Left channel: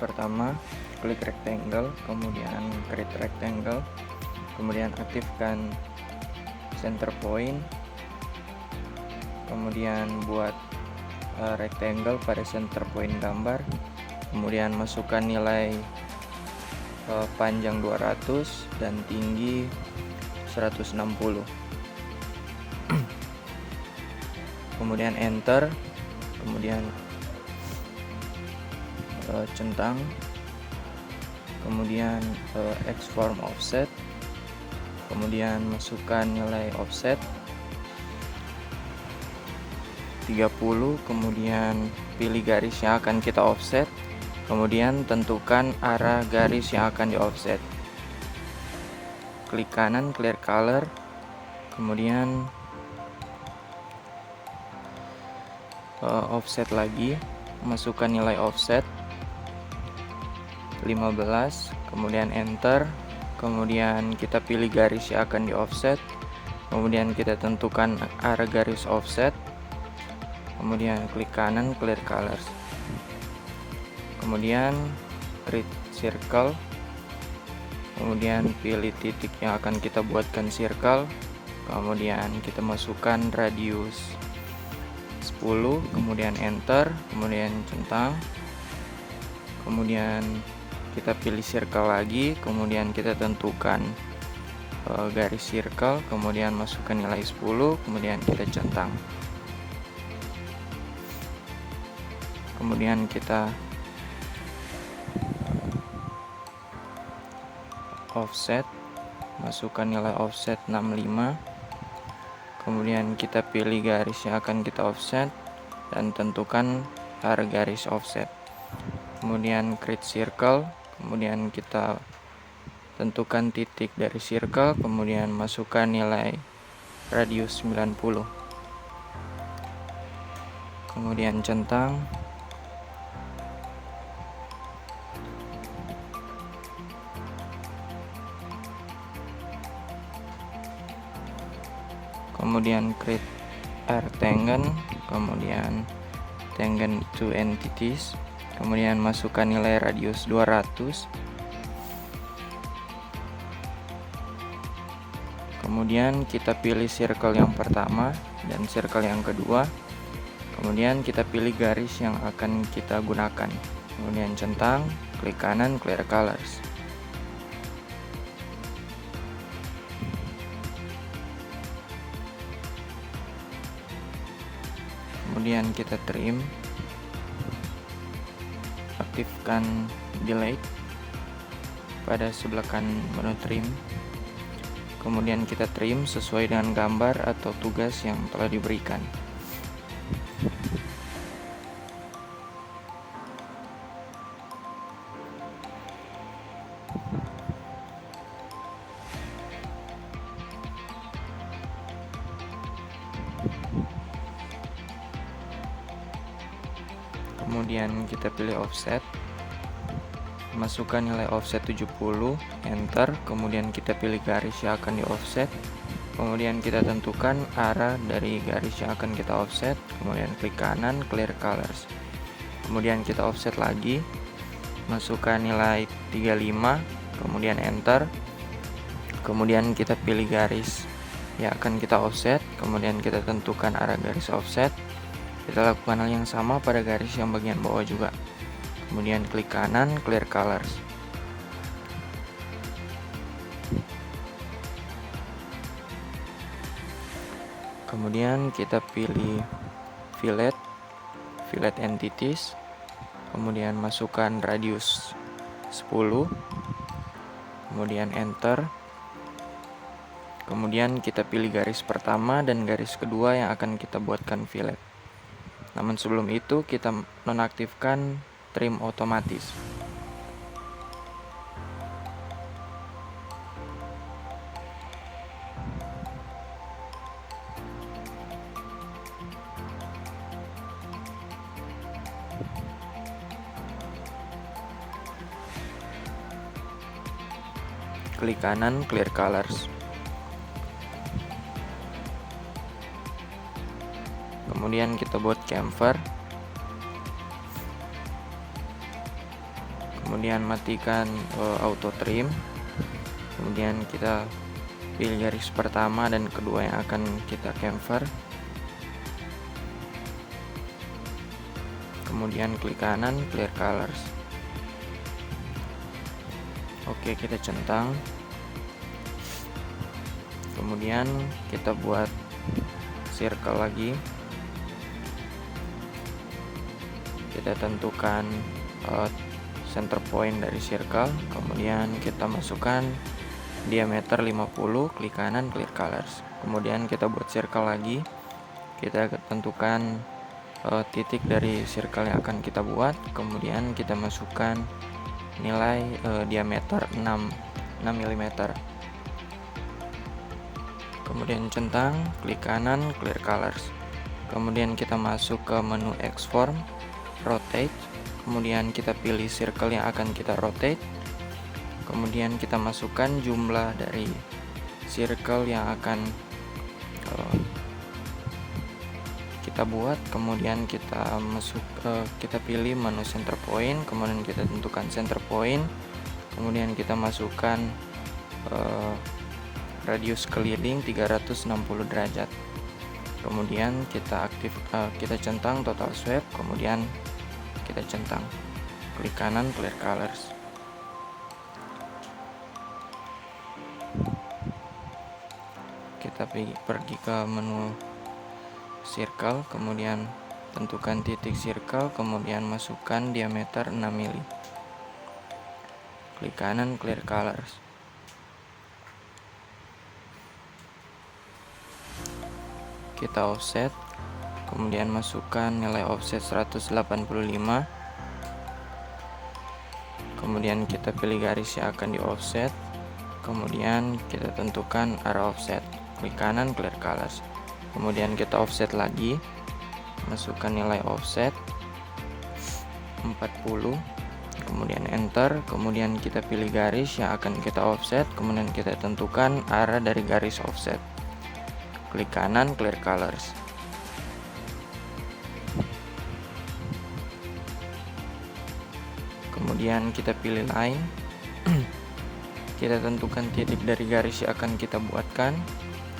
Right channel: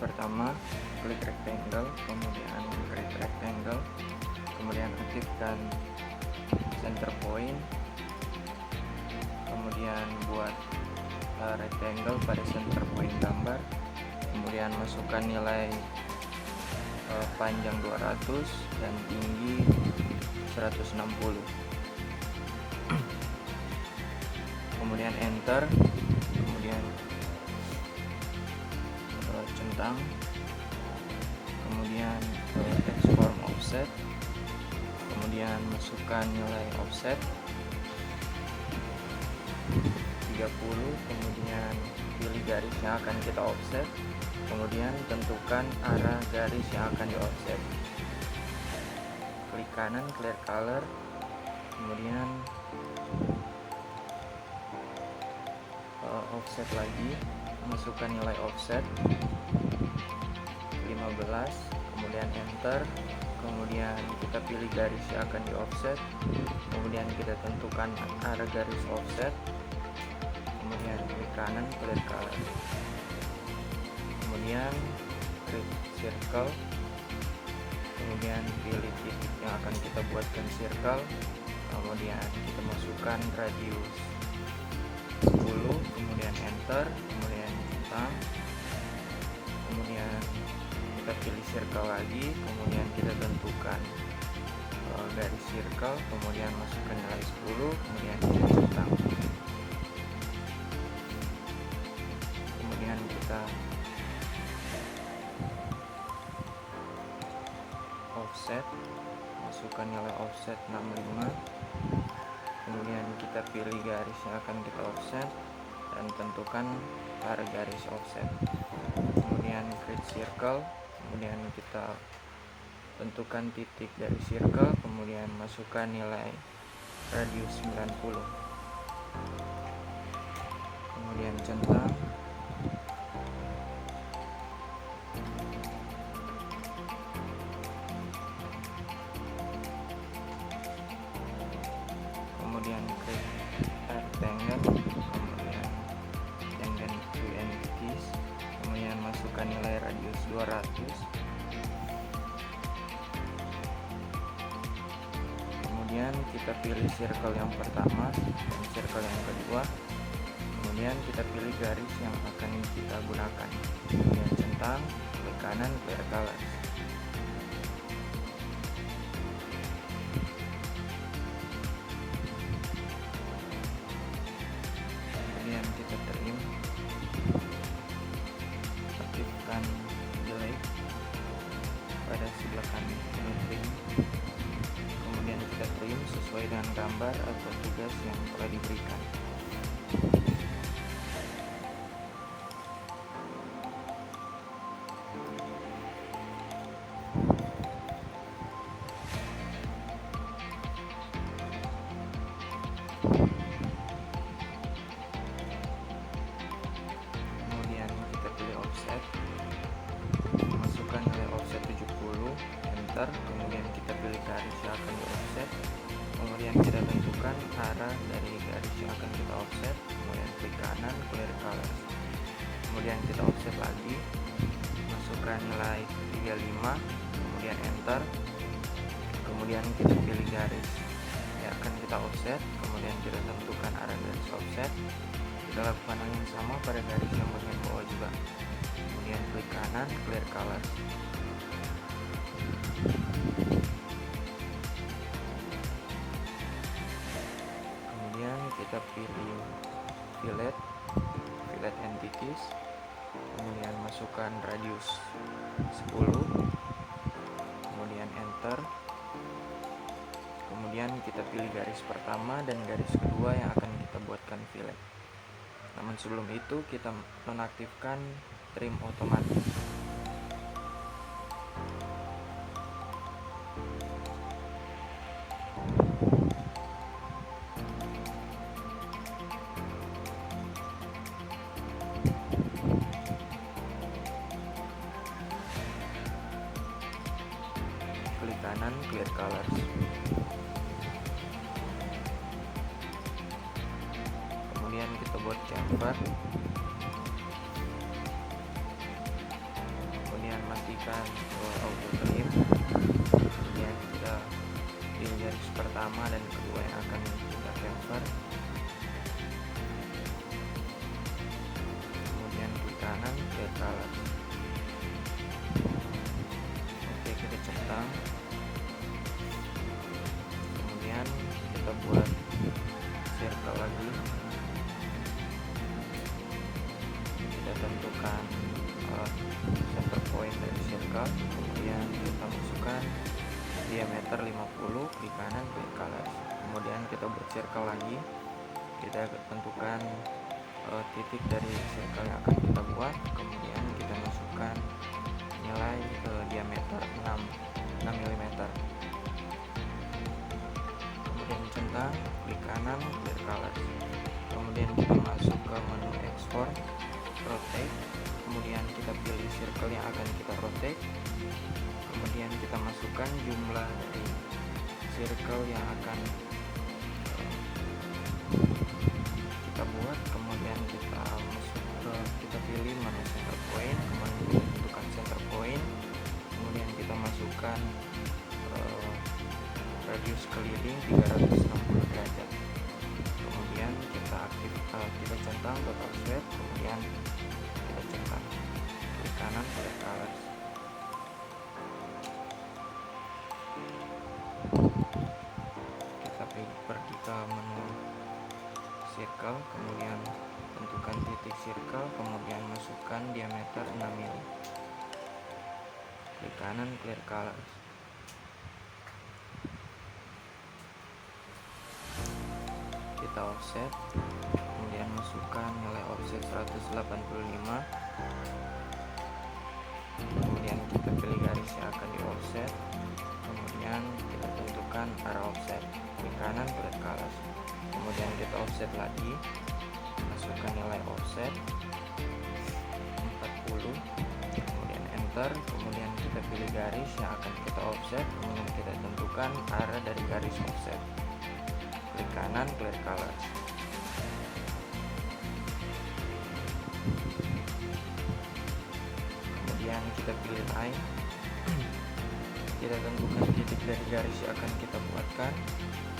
Pertama, klik rectangle, kemudian create rectangle, kemudian aktifkan center point, kemudian buat rectangle pada center point gambar, kemudian masukkan nilai panjang 200 dan tinggi 160, kemudian enter, kemudian centang, kemudian export offset, kemudian masukkan nilai offset 30, kemudian pilih garis yang akan kita offset, kemudian tentukan arah garis yang akan di offset. Klik kanan clear color, kemudian offset lagi, masukkan nilai offset 15, kemudian enter, kemudian kita pilih garis yang akan di offset, kemudian kita tentukan arah garis offset, kemudian klik kanan clear colors, kemudian create circle, kemudian pilih titik yang akan kita buatkan circle, kemudian kita masukkan radius 10, kemudian enter, kemudian centang, kemudian kita pilih circle lagi, kemudian kita tentukan garis circle, kemudian masukkan nilai 10, kemudian kita centang, kemudian kita offset, masukkan nilai offset 65, kemudian kita pilih garis yang akan kita offset dan tentukan arah garis offset, kemudian create circle, kemudian kita tentukan titik dari circle, kemudian masukkan nilai radius 90, kemudian centang, kemudian create rectangle, kemudian tangent to entities, kemudian masukkan nilai radius 200, kemudian kita pilih circle yang pertama dan circle yang kedua, kemudian kita pilih garis yang akan kita gunakan, kemudian centang, klik kanan clear colors, kemudian kita trim, aktifkan delete pada sebelah kanan menu trim, kemudian kita trim sesuai dengan gambar atau tugas yang telah diberikan. Kemudian kita pilih offset, masukkan nilai offset 70, enter, kemudian kita pilih garis yang akan di offset, kemudian kita tentukan arah dari garis yang akan kita offset, kemudian klik kanan clear colors, kemudian kita offset lagi, masukkan nilai 35, kemudian enter, kemudian kita pilih garis yang akan kita offset, kemudian kita tentukan arah garis offset. Kita lakukan hal yang sama pada garis yang bagian bawah juga, kemudian klik kanan clear colors, kemudian kita pilih fillet entities, kemudian masukkan radius 10, kemudian enter, kemudian kita pilih garis pertama dan garis kedua yang akan kita buatkan fillet. Namun sebelum itu kita nonaktifkan trim otomatis. Klik kanan clear colors, kemudian kita buat chamfer, kemudian matikan auto trim, kemudian kita pilih garis pertama dan kedua yang akan kita chamfer, kemudian klik kanan clear colors. Oke, kita centang, kemudian kita buat circle lagi, kita tentukan center point dari circle, kemudian kita masukkan diameter 50, klik kanan clear colors. Kemudian kita buat circle lagi, kita tentukan titik dari circle yang akan kita buat, kemudian kita masukkan nilai diameter 6 mm, kemudian centang, klik kanan clear colors. Kemudian kita masuk ke menu export, rotate, kemudian kita pilih circle yang akan kita rotate, kemudian kita masukkan jumlah dari circle yang akan kita buat, kemudian kita pilih menu center point, kemudian kita tentukan center point, kemudian kita masukkan radius keliling 360 derajat, kemudian kita centang total sweep, kemudian kita centang, klik kanan clear colors. Kita pergi ke menu circle, kemudian tentukan titik circle, kemudian masukkan diameter 6 mm, klik kanan clear colors. Kita offset, kemudian masukkan nilai offset 185, kemudian kita pilih garis yang akan di offset, kemudian kita tentukan arah offset, klik kanan clear colors. Kemudian kita offset lagi, masukkan nilai offset 40, kemudian enter, kemudian kita pilih garis yang akan kita offset, kemudian kita tentukan arah dari garis offset, klik kanan clear colors. Kemudian kita pilih line, kita tentukan titik dari garis yang akan kita buatkan,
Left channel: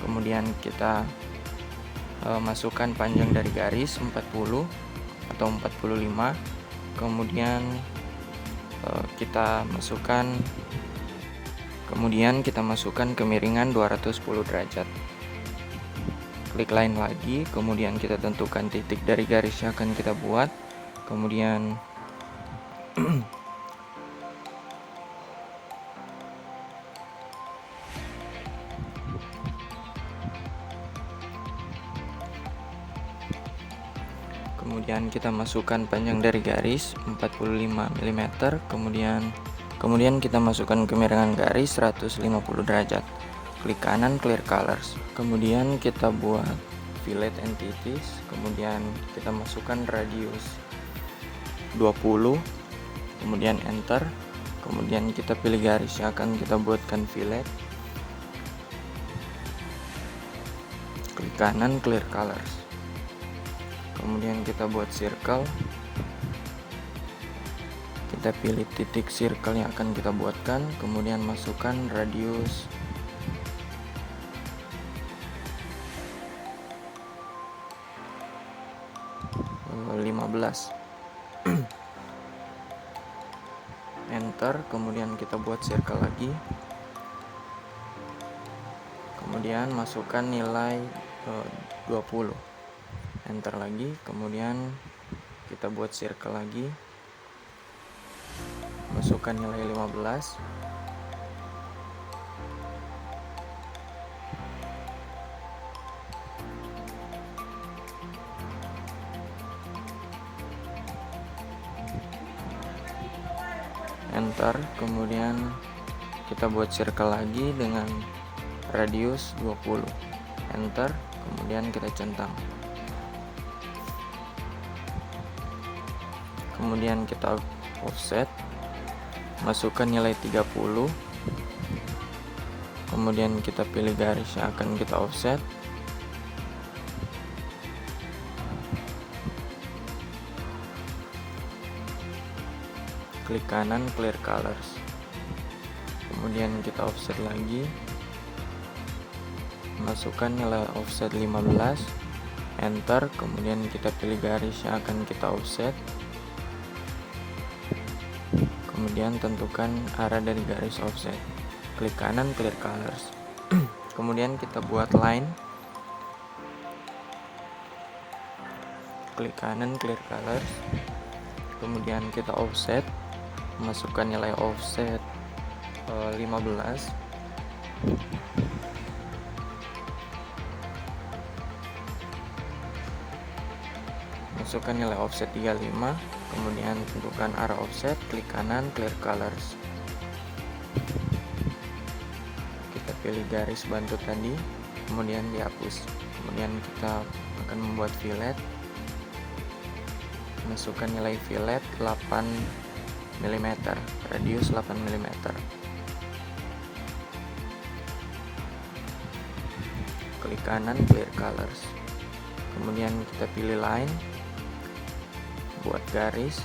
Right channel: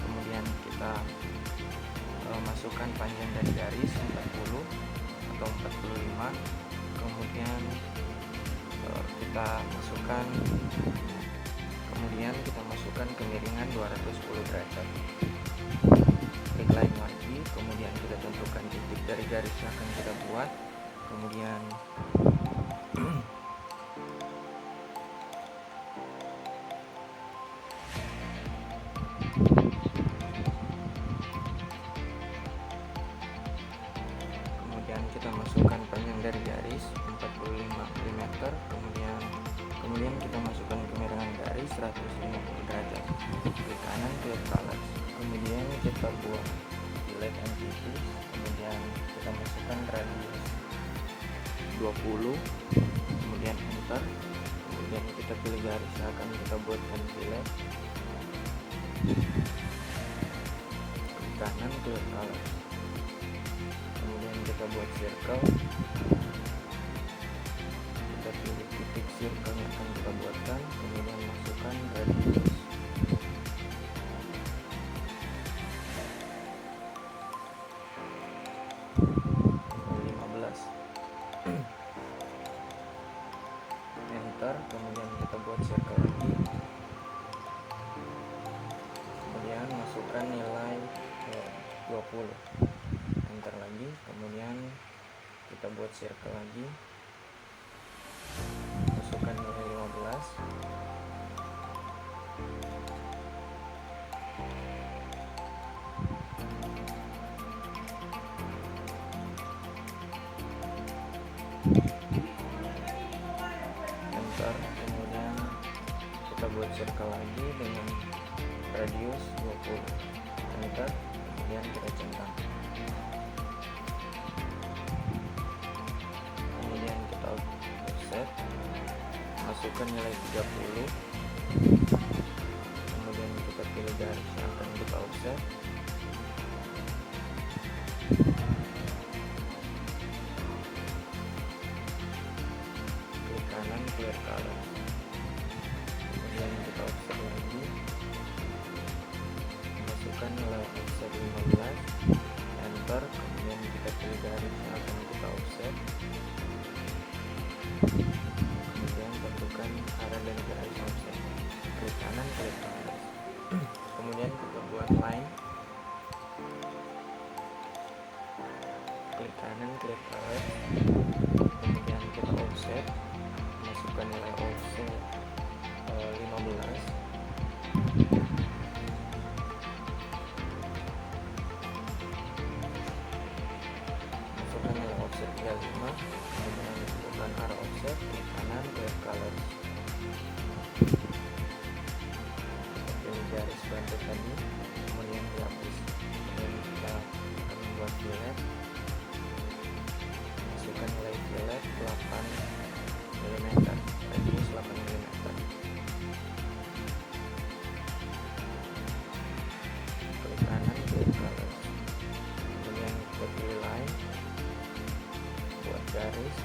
kemudian kita masukkan panjang dari garis 40 atau 45, kemudian kita masukkan kemiringan 210 derajat, klik line lagi, kemudian kita tentukan titik dari garis yang akan kita buat, kemudian kita masukkan panjang dari garis 45 mm, kemudian kita masukkan kemiringan garis 150 derajat, klik kanan clear colors. Kemudian kita buat fillet entities, kemudian kita masukkan radius 20, kemudian enter, kemudian kita pilih garis yang akan kita buatkan fillet, klik kanan clear colors. Kemudian kita buat circle, kita pilih titik circle yang akan kita buatkan, kemudian masukkan radius 15, enter, kemudian kita buat circle lagi, kemudian masukkan nilai 20, enter lagi, kemudian kita buat circle lagi, masukkan nilai 15, enter, kemudian kita buat circle lagi dengan radius 20, enter, kemudian kita centang, kemudian kita offset, masukkan nilai 30, kemudian kita pilih garis yang akan kita offset, klik kanan clear colors, kemudian kita offset lagi, masukkan nilai offset 15, enter, kemudian kita pilih garis yang akan kita offset, kemudian tentukan arah dari garis offset, klik kanan clear colors. Kemudian kita buat line, klik kanan clear colors, kemudian kita offset, masukkan nilai offset 15, masukkan nilai offset 35, kemudian tentukan arah offset, klik kanan clear colors, kita pilih garis bantu tadi, kemudian dihapus, kemudian kita akan membuat fillet, masukkan nilai fillet 8 mm, radius 8 mm, klik kanan clear colors, kemudian kita pilih line, buat garis,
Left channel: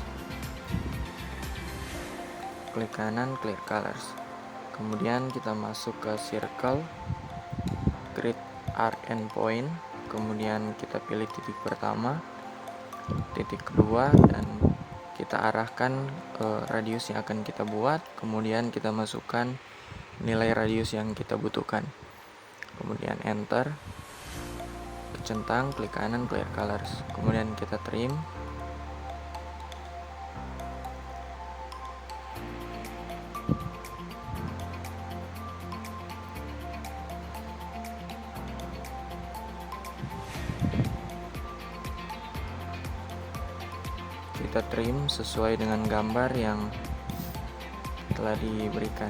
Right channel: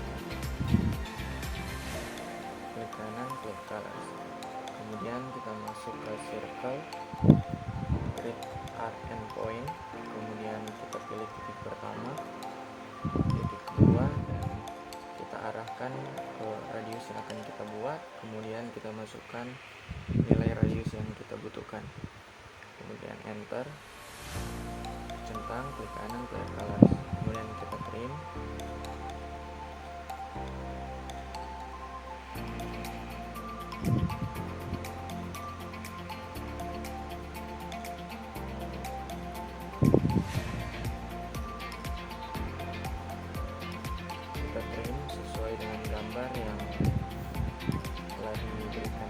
klik kanan clear colors, kemudian kita masuk ke circle, create arc and point, kemudian kita pilih titik pertama, titik kedua, dan kita arahkan ke radius yang akan kita buat, kemudian kita masukkan nilai radius yang kita butuhkan, kemudian enter, centang, klik kanan clear colors, kemudian kita trim, kita trim sesuai dengan gambar yang telah diberikan.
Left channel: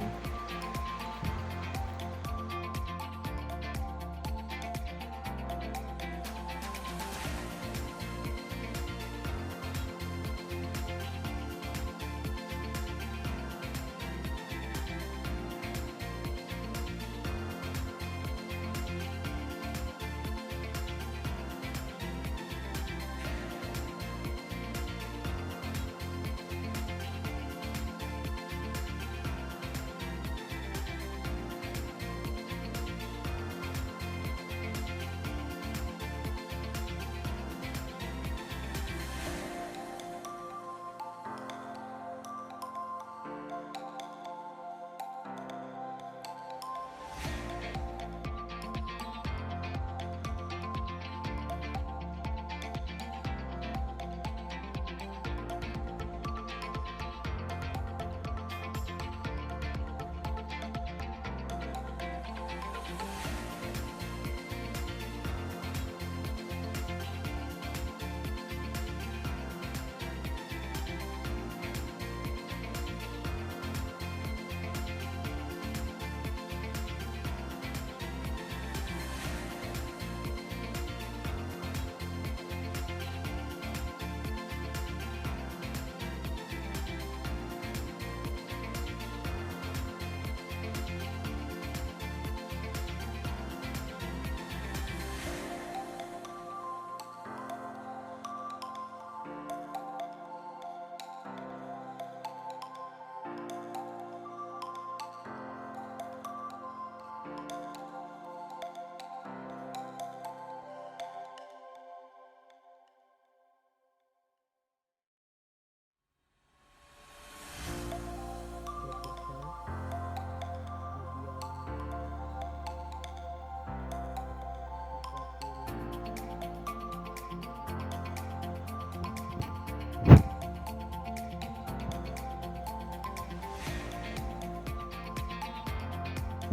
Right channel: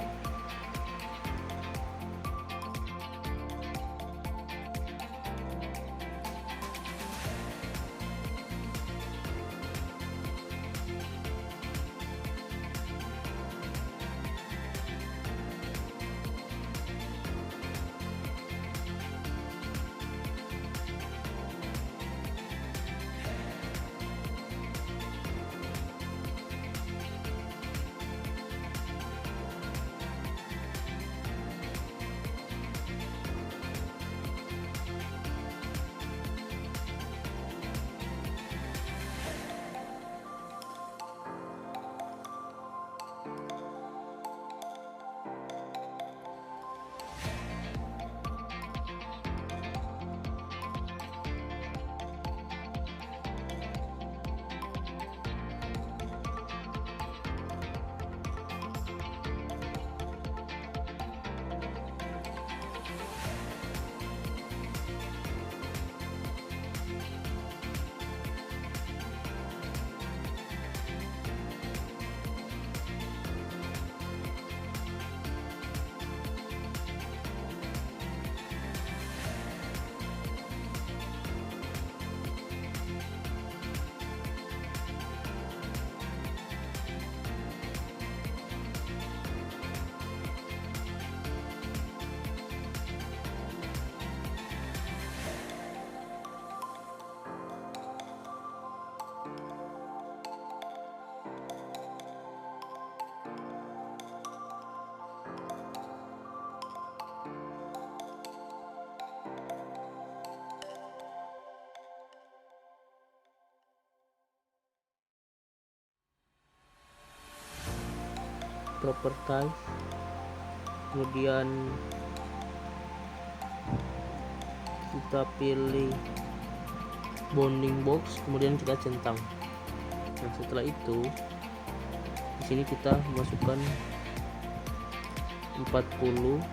property, kemudian kita pilih bounding box, kemudian kita centang. Nah, setelah itu di sini kita masukkan 40,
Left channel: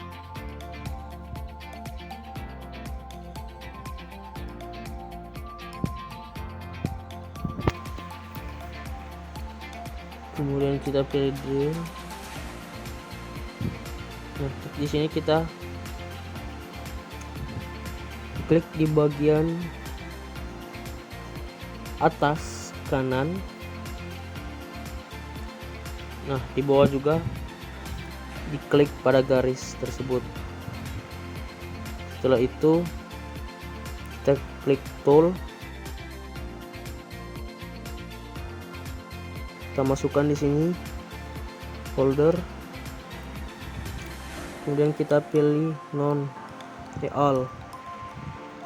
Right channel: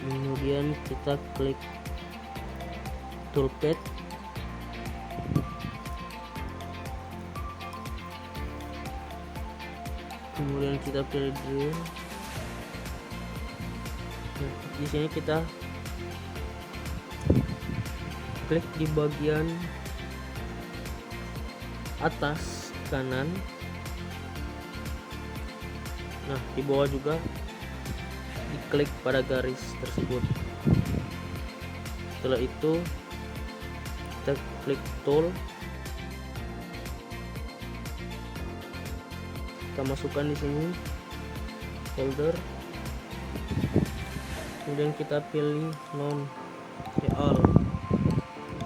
kemudian kita klik toolpad, kemudian kita pilih drill. Nah, di sini kita klik di bagian atas kanan. Nah, di bawah juga diklik pada garis tersebut. Setelah itu kita klik tool, kita masukkan di sini folder, kemudian kita pilih non real,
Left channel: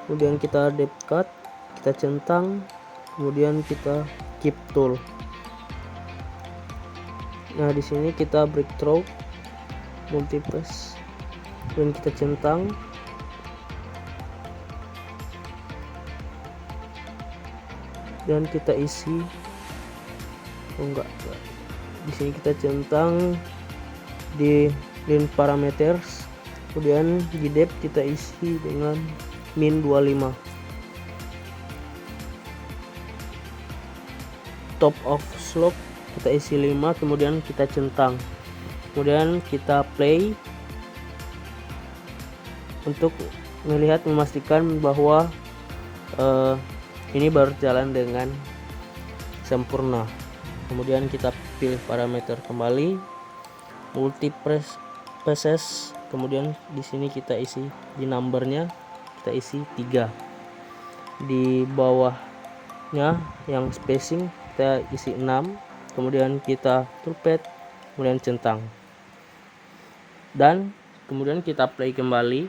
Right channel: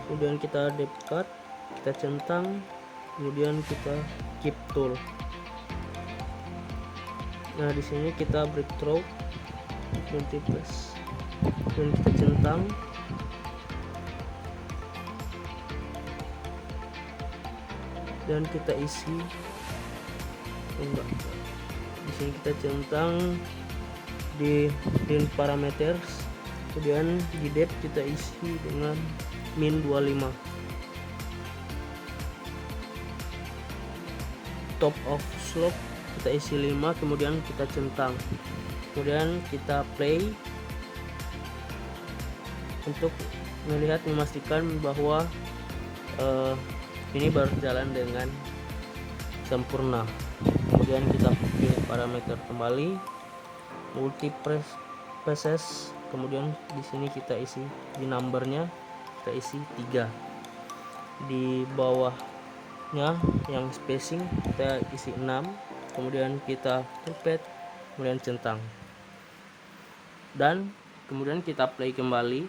kemudian kita depth cut, kita centang, kemudian kita keep tool. Nah di sini kita breakthrough multipass, kemudian kita centang, dan kita isi. Enggak, di sini kita centang di line parameters, kemudian di depth kita isi dengan min 25, top of slope kita isi 5, kemudian kita centang, kemudian kita play untuk melihat, memastikan bahwa ini berjalan dengan sempurna. Kemudian kita pilih parameter kembali, multi passes, kemudian di sini kita isi di numbernya, kita isi 3, di bawahnya yang spacing kita isi 6, kemudian kita toolpad, kemudian centang, dan kemudian kita play kembali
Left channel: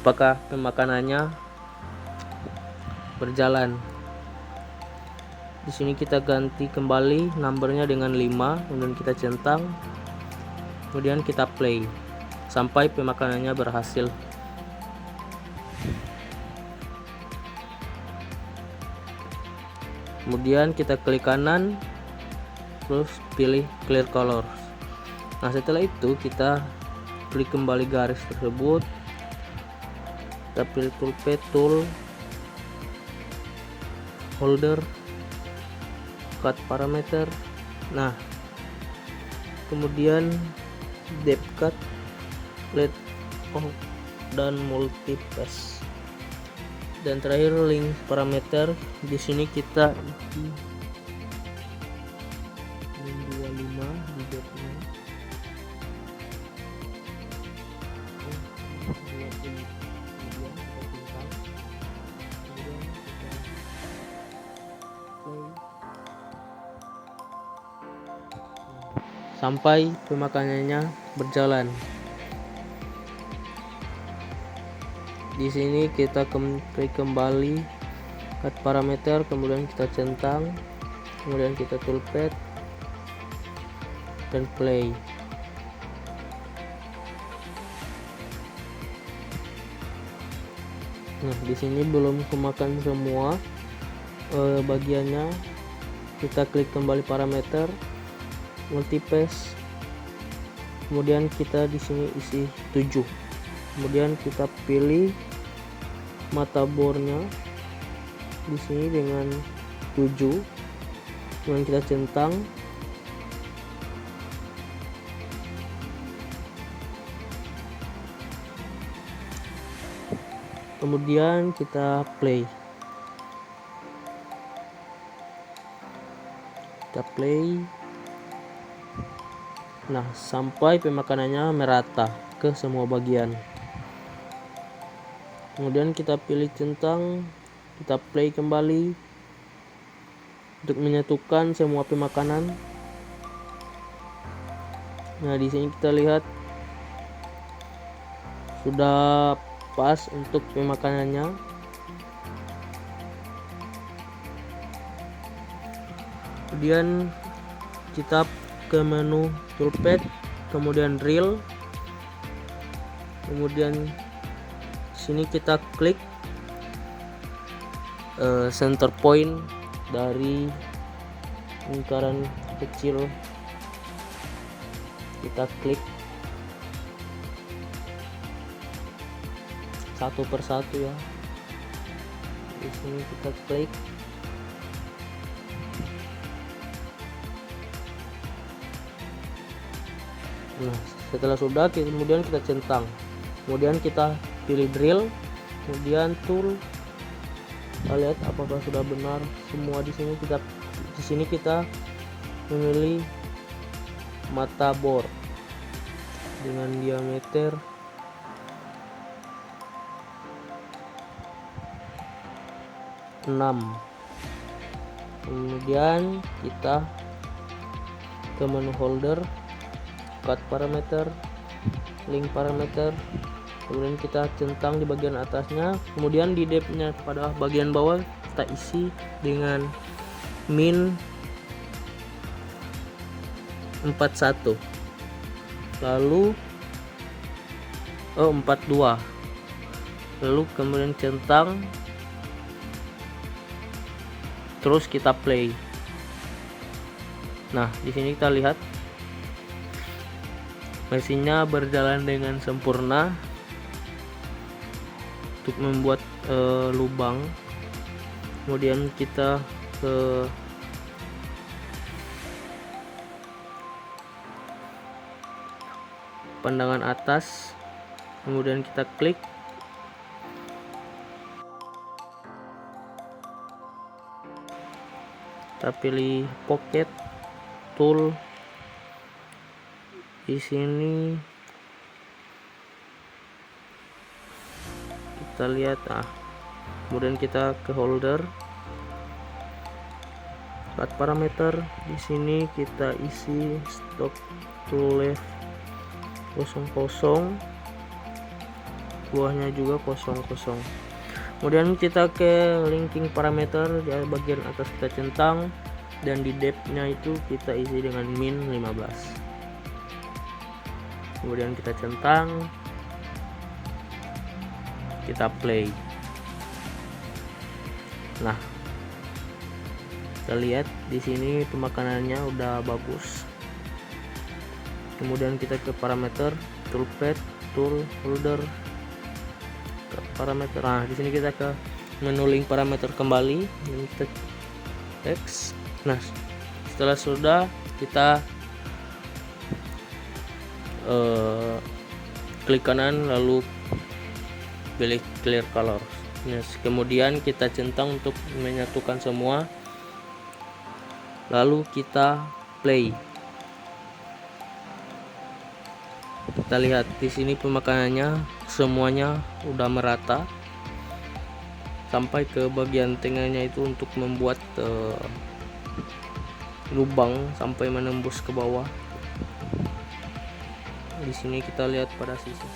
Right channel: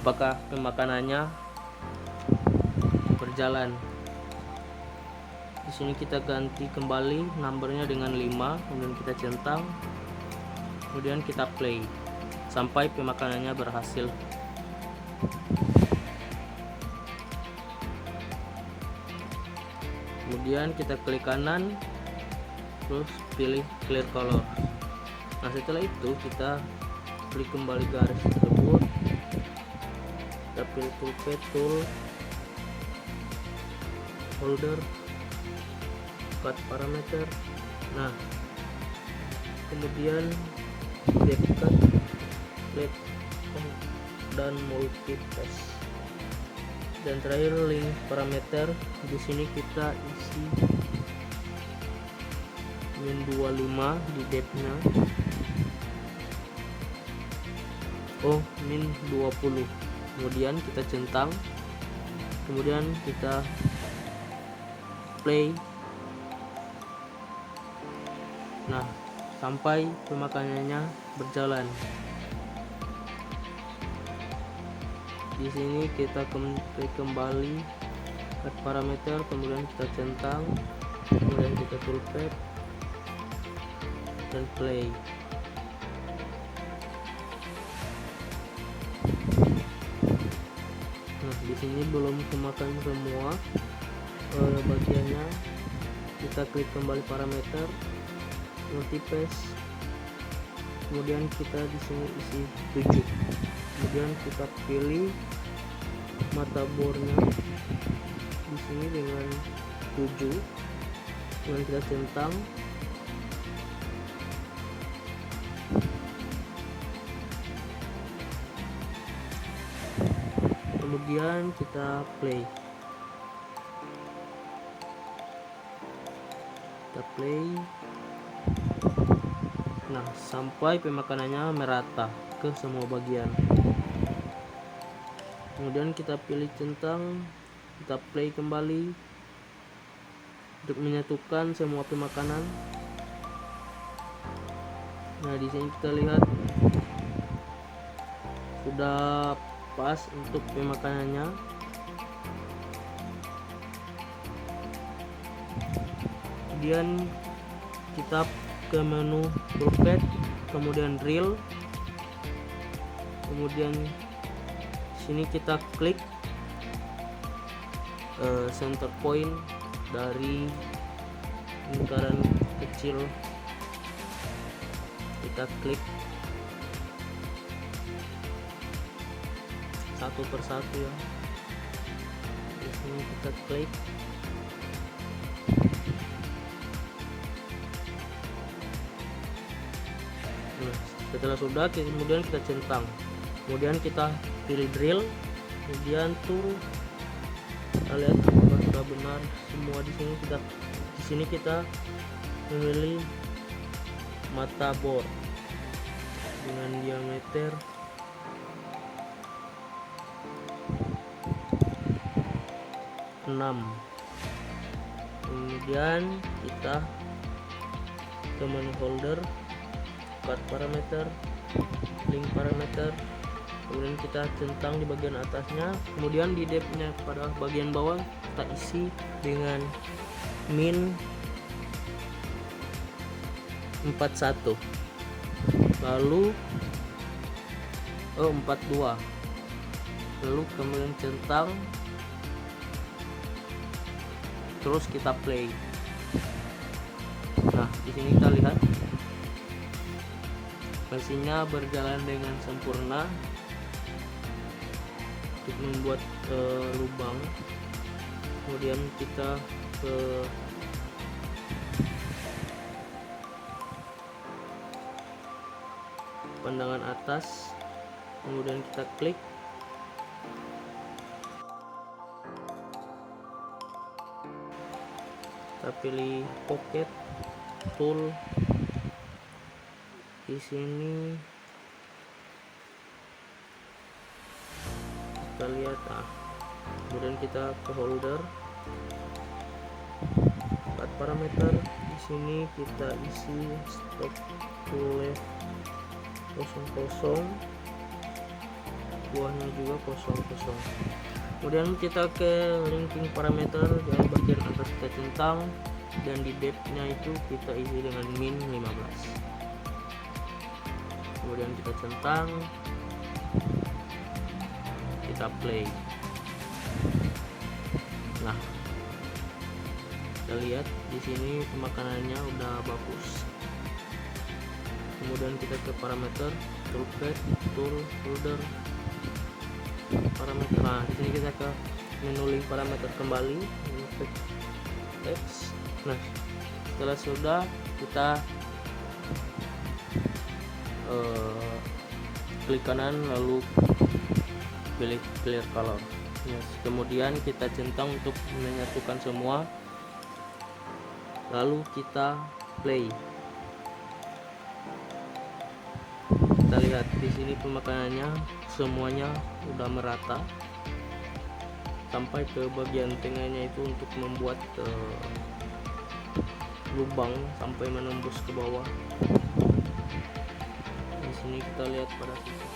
apakah pemakanannya berjalan. Di sini kita ganti kembali numbernya dengan 5, kemudian kita centang, kemudian kita play sampai pemakanannya berhasil. Kemudian kita klik kanan, terus pilih clear color. Nah setelah itu kita klik kembali garis tersebut, kita pilih toolpad, tool, holder, cut parameter. Nah kemudian depth cut, let off, dan multipass, dan terakhir link parameter. Di sini kita isi min 25 di depthnya, min 20, kemudian kita centang, kemudian kita play. Nah sampai pemakanannya berjalan. Di sini kita kembali cut parameter, kemudian kita centang, kemudian kita toolpad dan play. Nah di sini belum kemakan semua bagiannya. Kita klik kembali parameter, multipass, kemudian kita di sini isi 7, kemudian kita pilih mata bornya di sini dengan 7, kemudian kita centang, kemudian kita play. Nah sampai pemakanannya merata ke semua bagian. Kemudian kita pilih centang, kita play kembali untuk menyatukan semua pemakanan. Nah di sini kita lihat sudah pas untuk pemakanannya. Kemudian kita ke menu toolpad, kemudian reel, kemudian sini kita klik center point dari lingkaran kecil, kita klik satu persatu ya. Di sini kita klik, nah setelah sudah kemudian kita centang, kemudian kita pilih drill, kemudian tool, kita lihat apakah sudah benar semua. Di sini kita memilih mata bor dengan diameter 6, Kemudian kita ke menu folder, cut parameter, link parameter, kemudian kita centang di bagian atasnya, kemudian di depth-nya pada bagian bawah kita isi dengan min 41, lalu 42, lalu kemudian centang, terus kita play. Nah, di sini kita lihat mesinnya berjalan dengan sempurna untuk membuat lubang. Kemudian kita ke pandangan atas, kemudian kita klik, kita pilih pocket tool. Di sini kita lihat, kemudian kita ke holder, cut parameter. Di sini kita isi stop to left 00, buahnya juga 00. Kemudian kita ke linking parameter, di bagian atas kita centang, dan di depth-nya itu kita isi dengan min 15. Kemudian kita centang, kita play. Nah, kita lihat di sini pemakanannya udah bagus. Kemudian kita ke parameter, toolpad, tool, folder, parameter. Nah, di sini kita ke menu link parameter kembali, text. Nah, setelah sudah kita klik kanan lalu pilih clear color. Yes. Kemudian kita centang untuk menyatukan semua, lalu kita play. Kita lihat di sini pemakanannya semuanya udah merata sampai ke bagian tengahnya itu untuk membuat lubang sampai menembus ke bawah. Di sini kita lihat pada sisi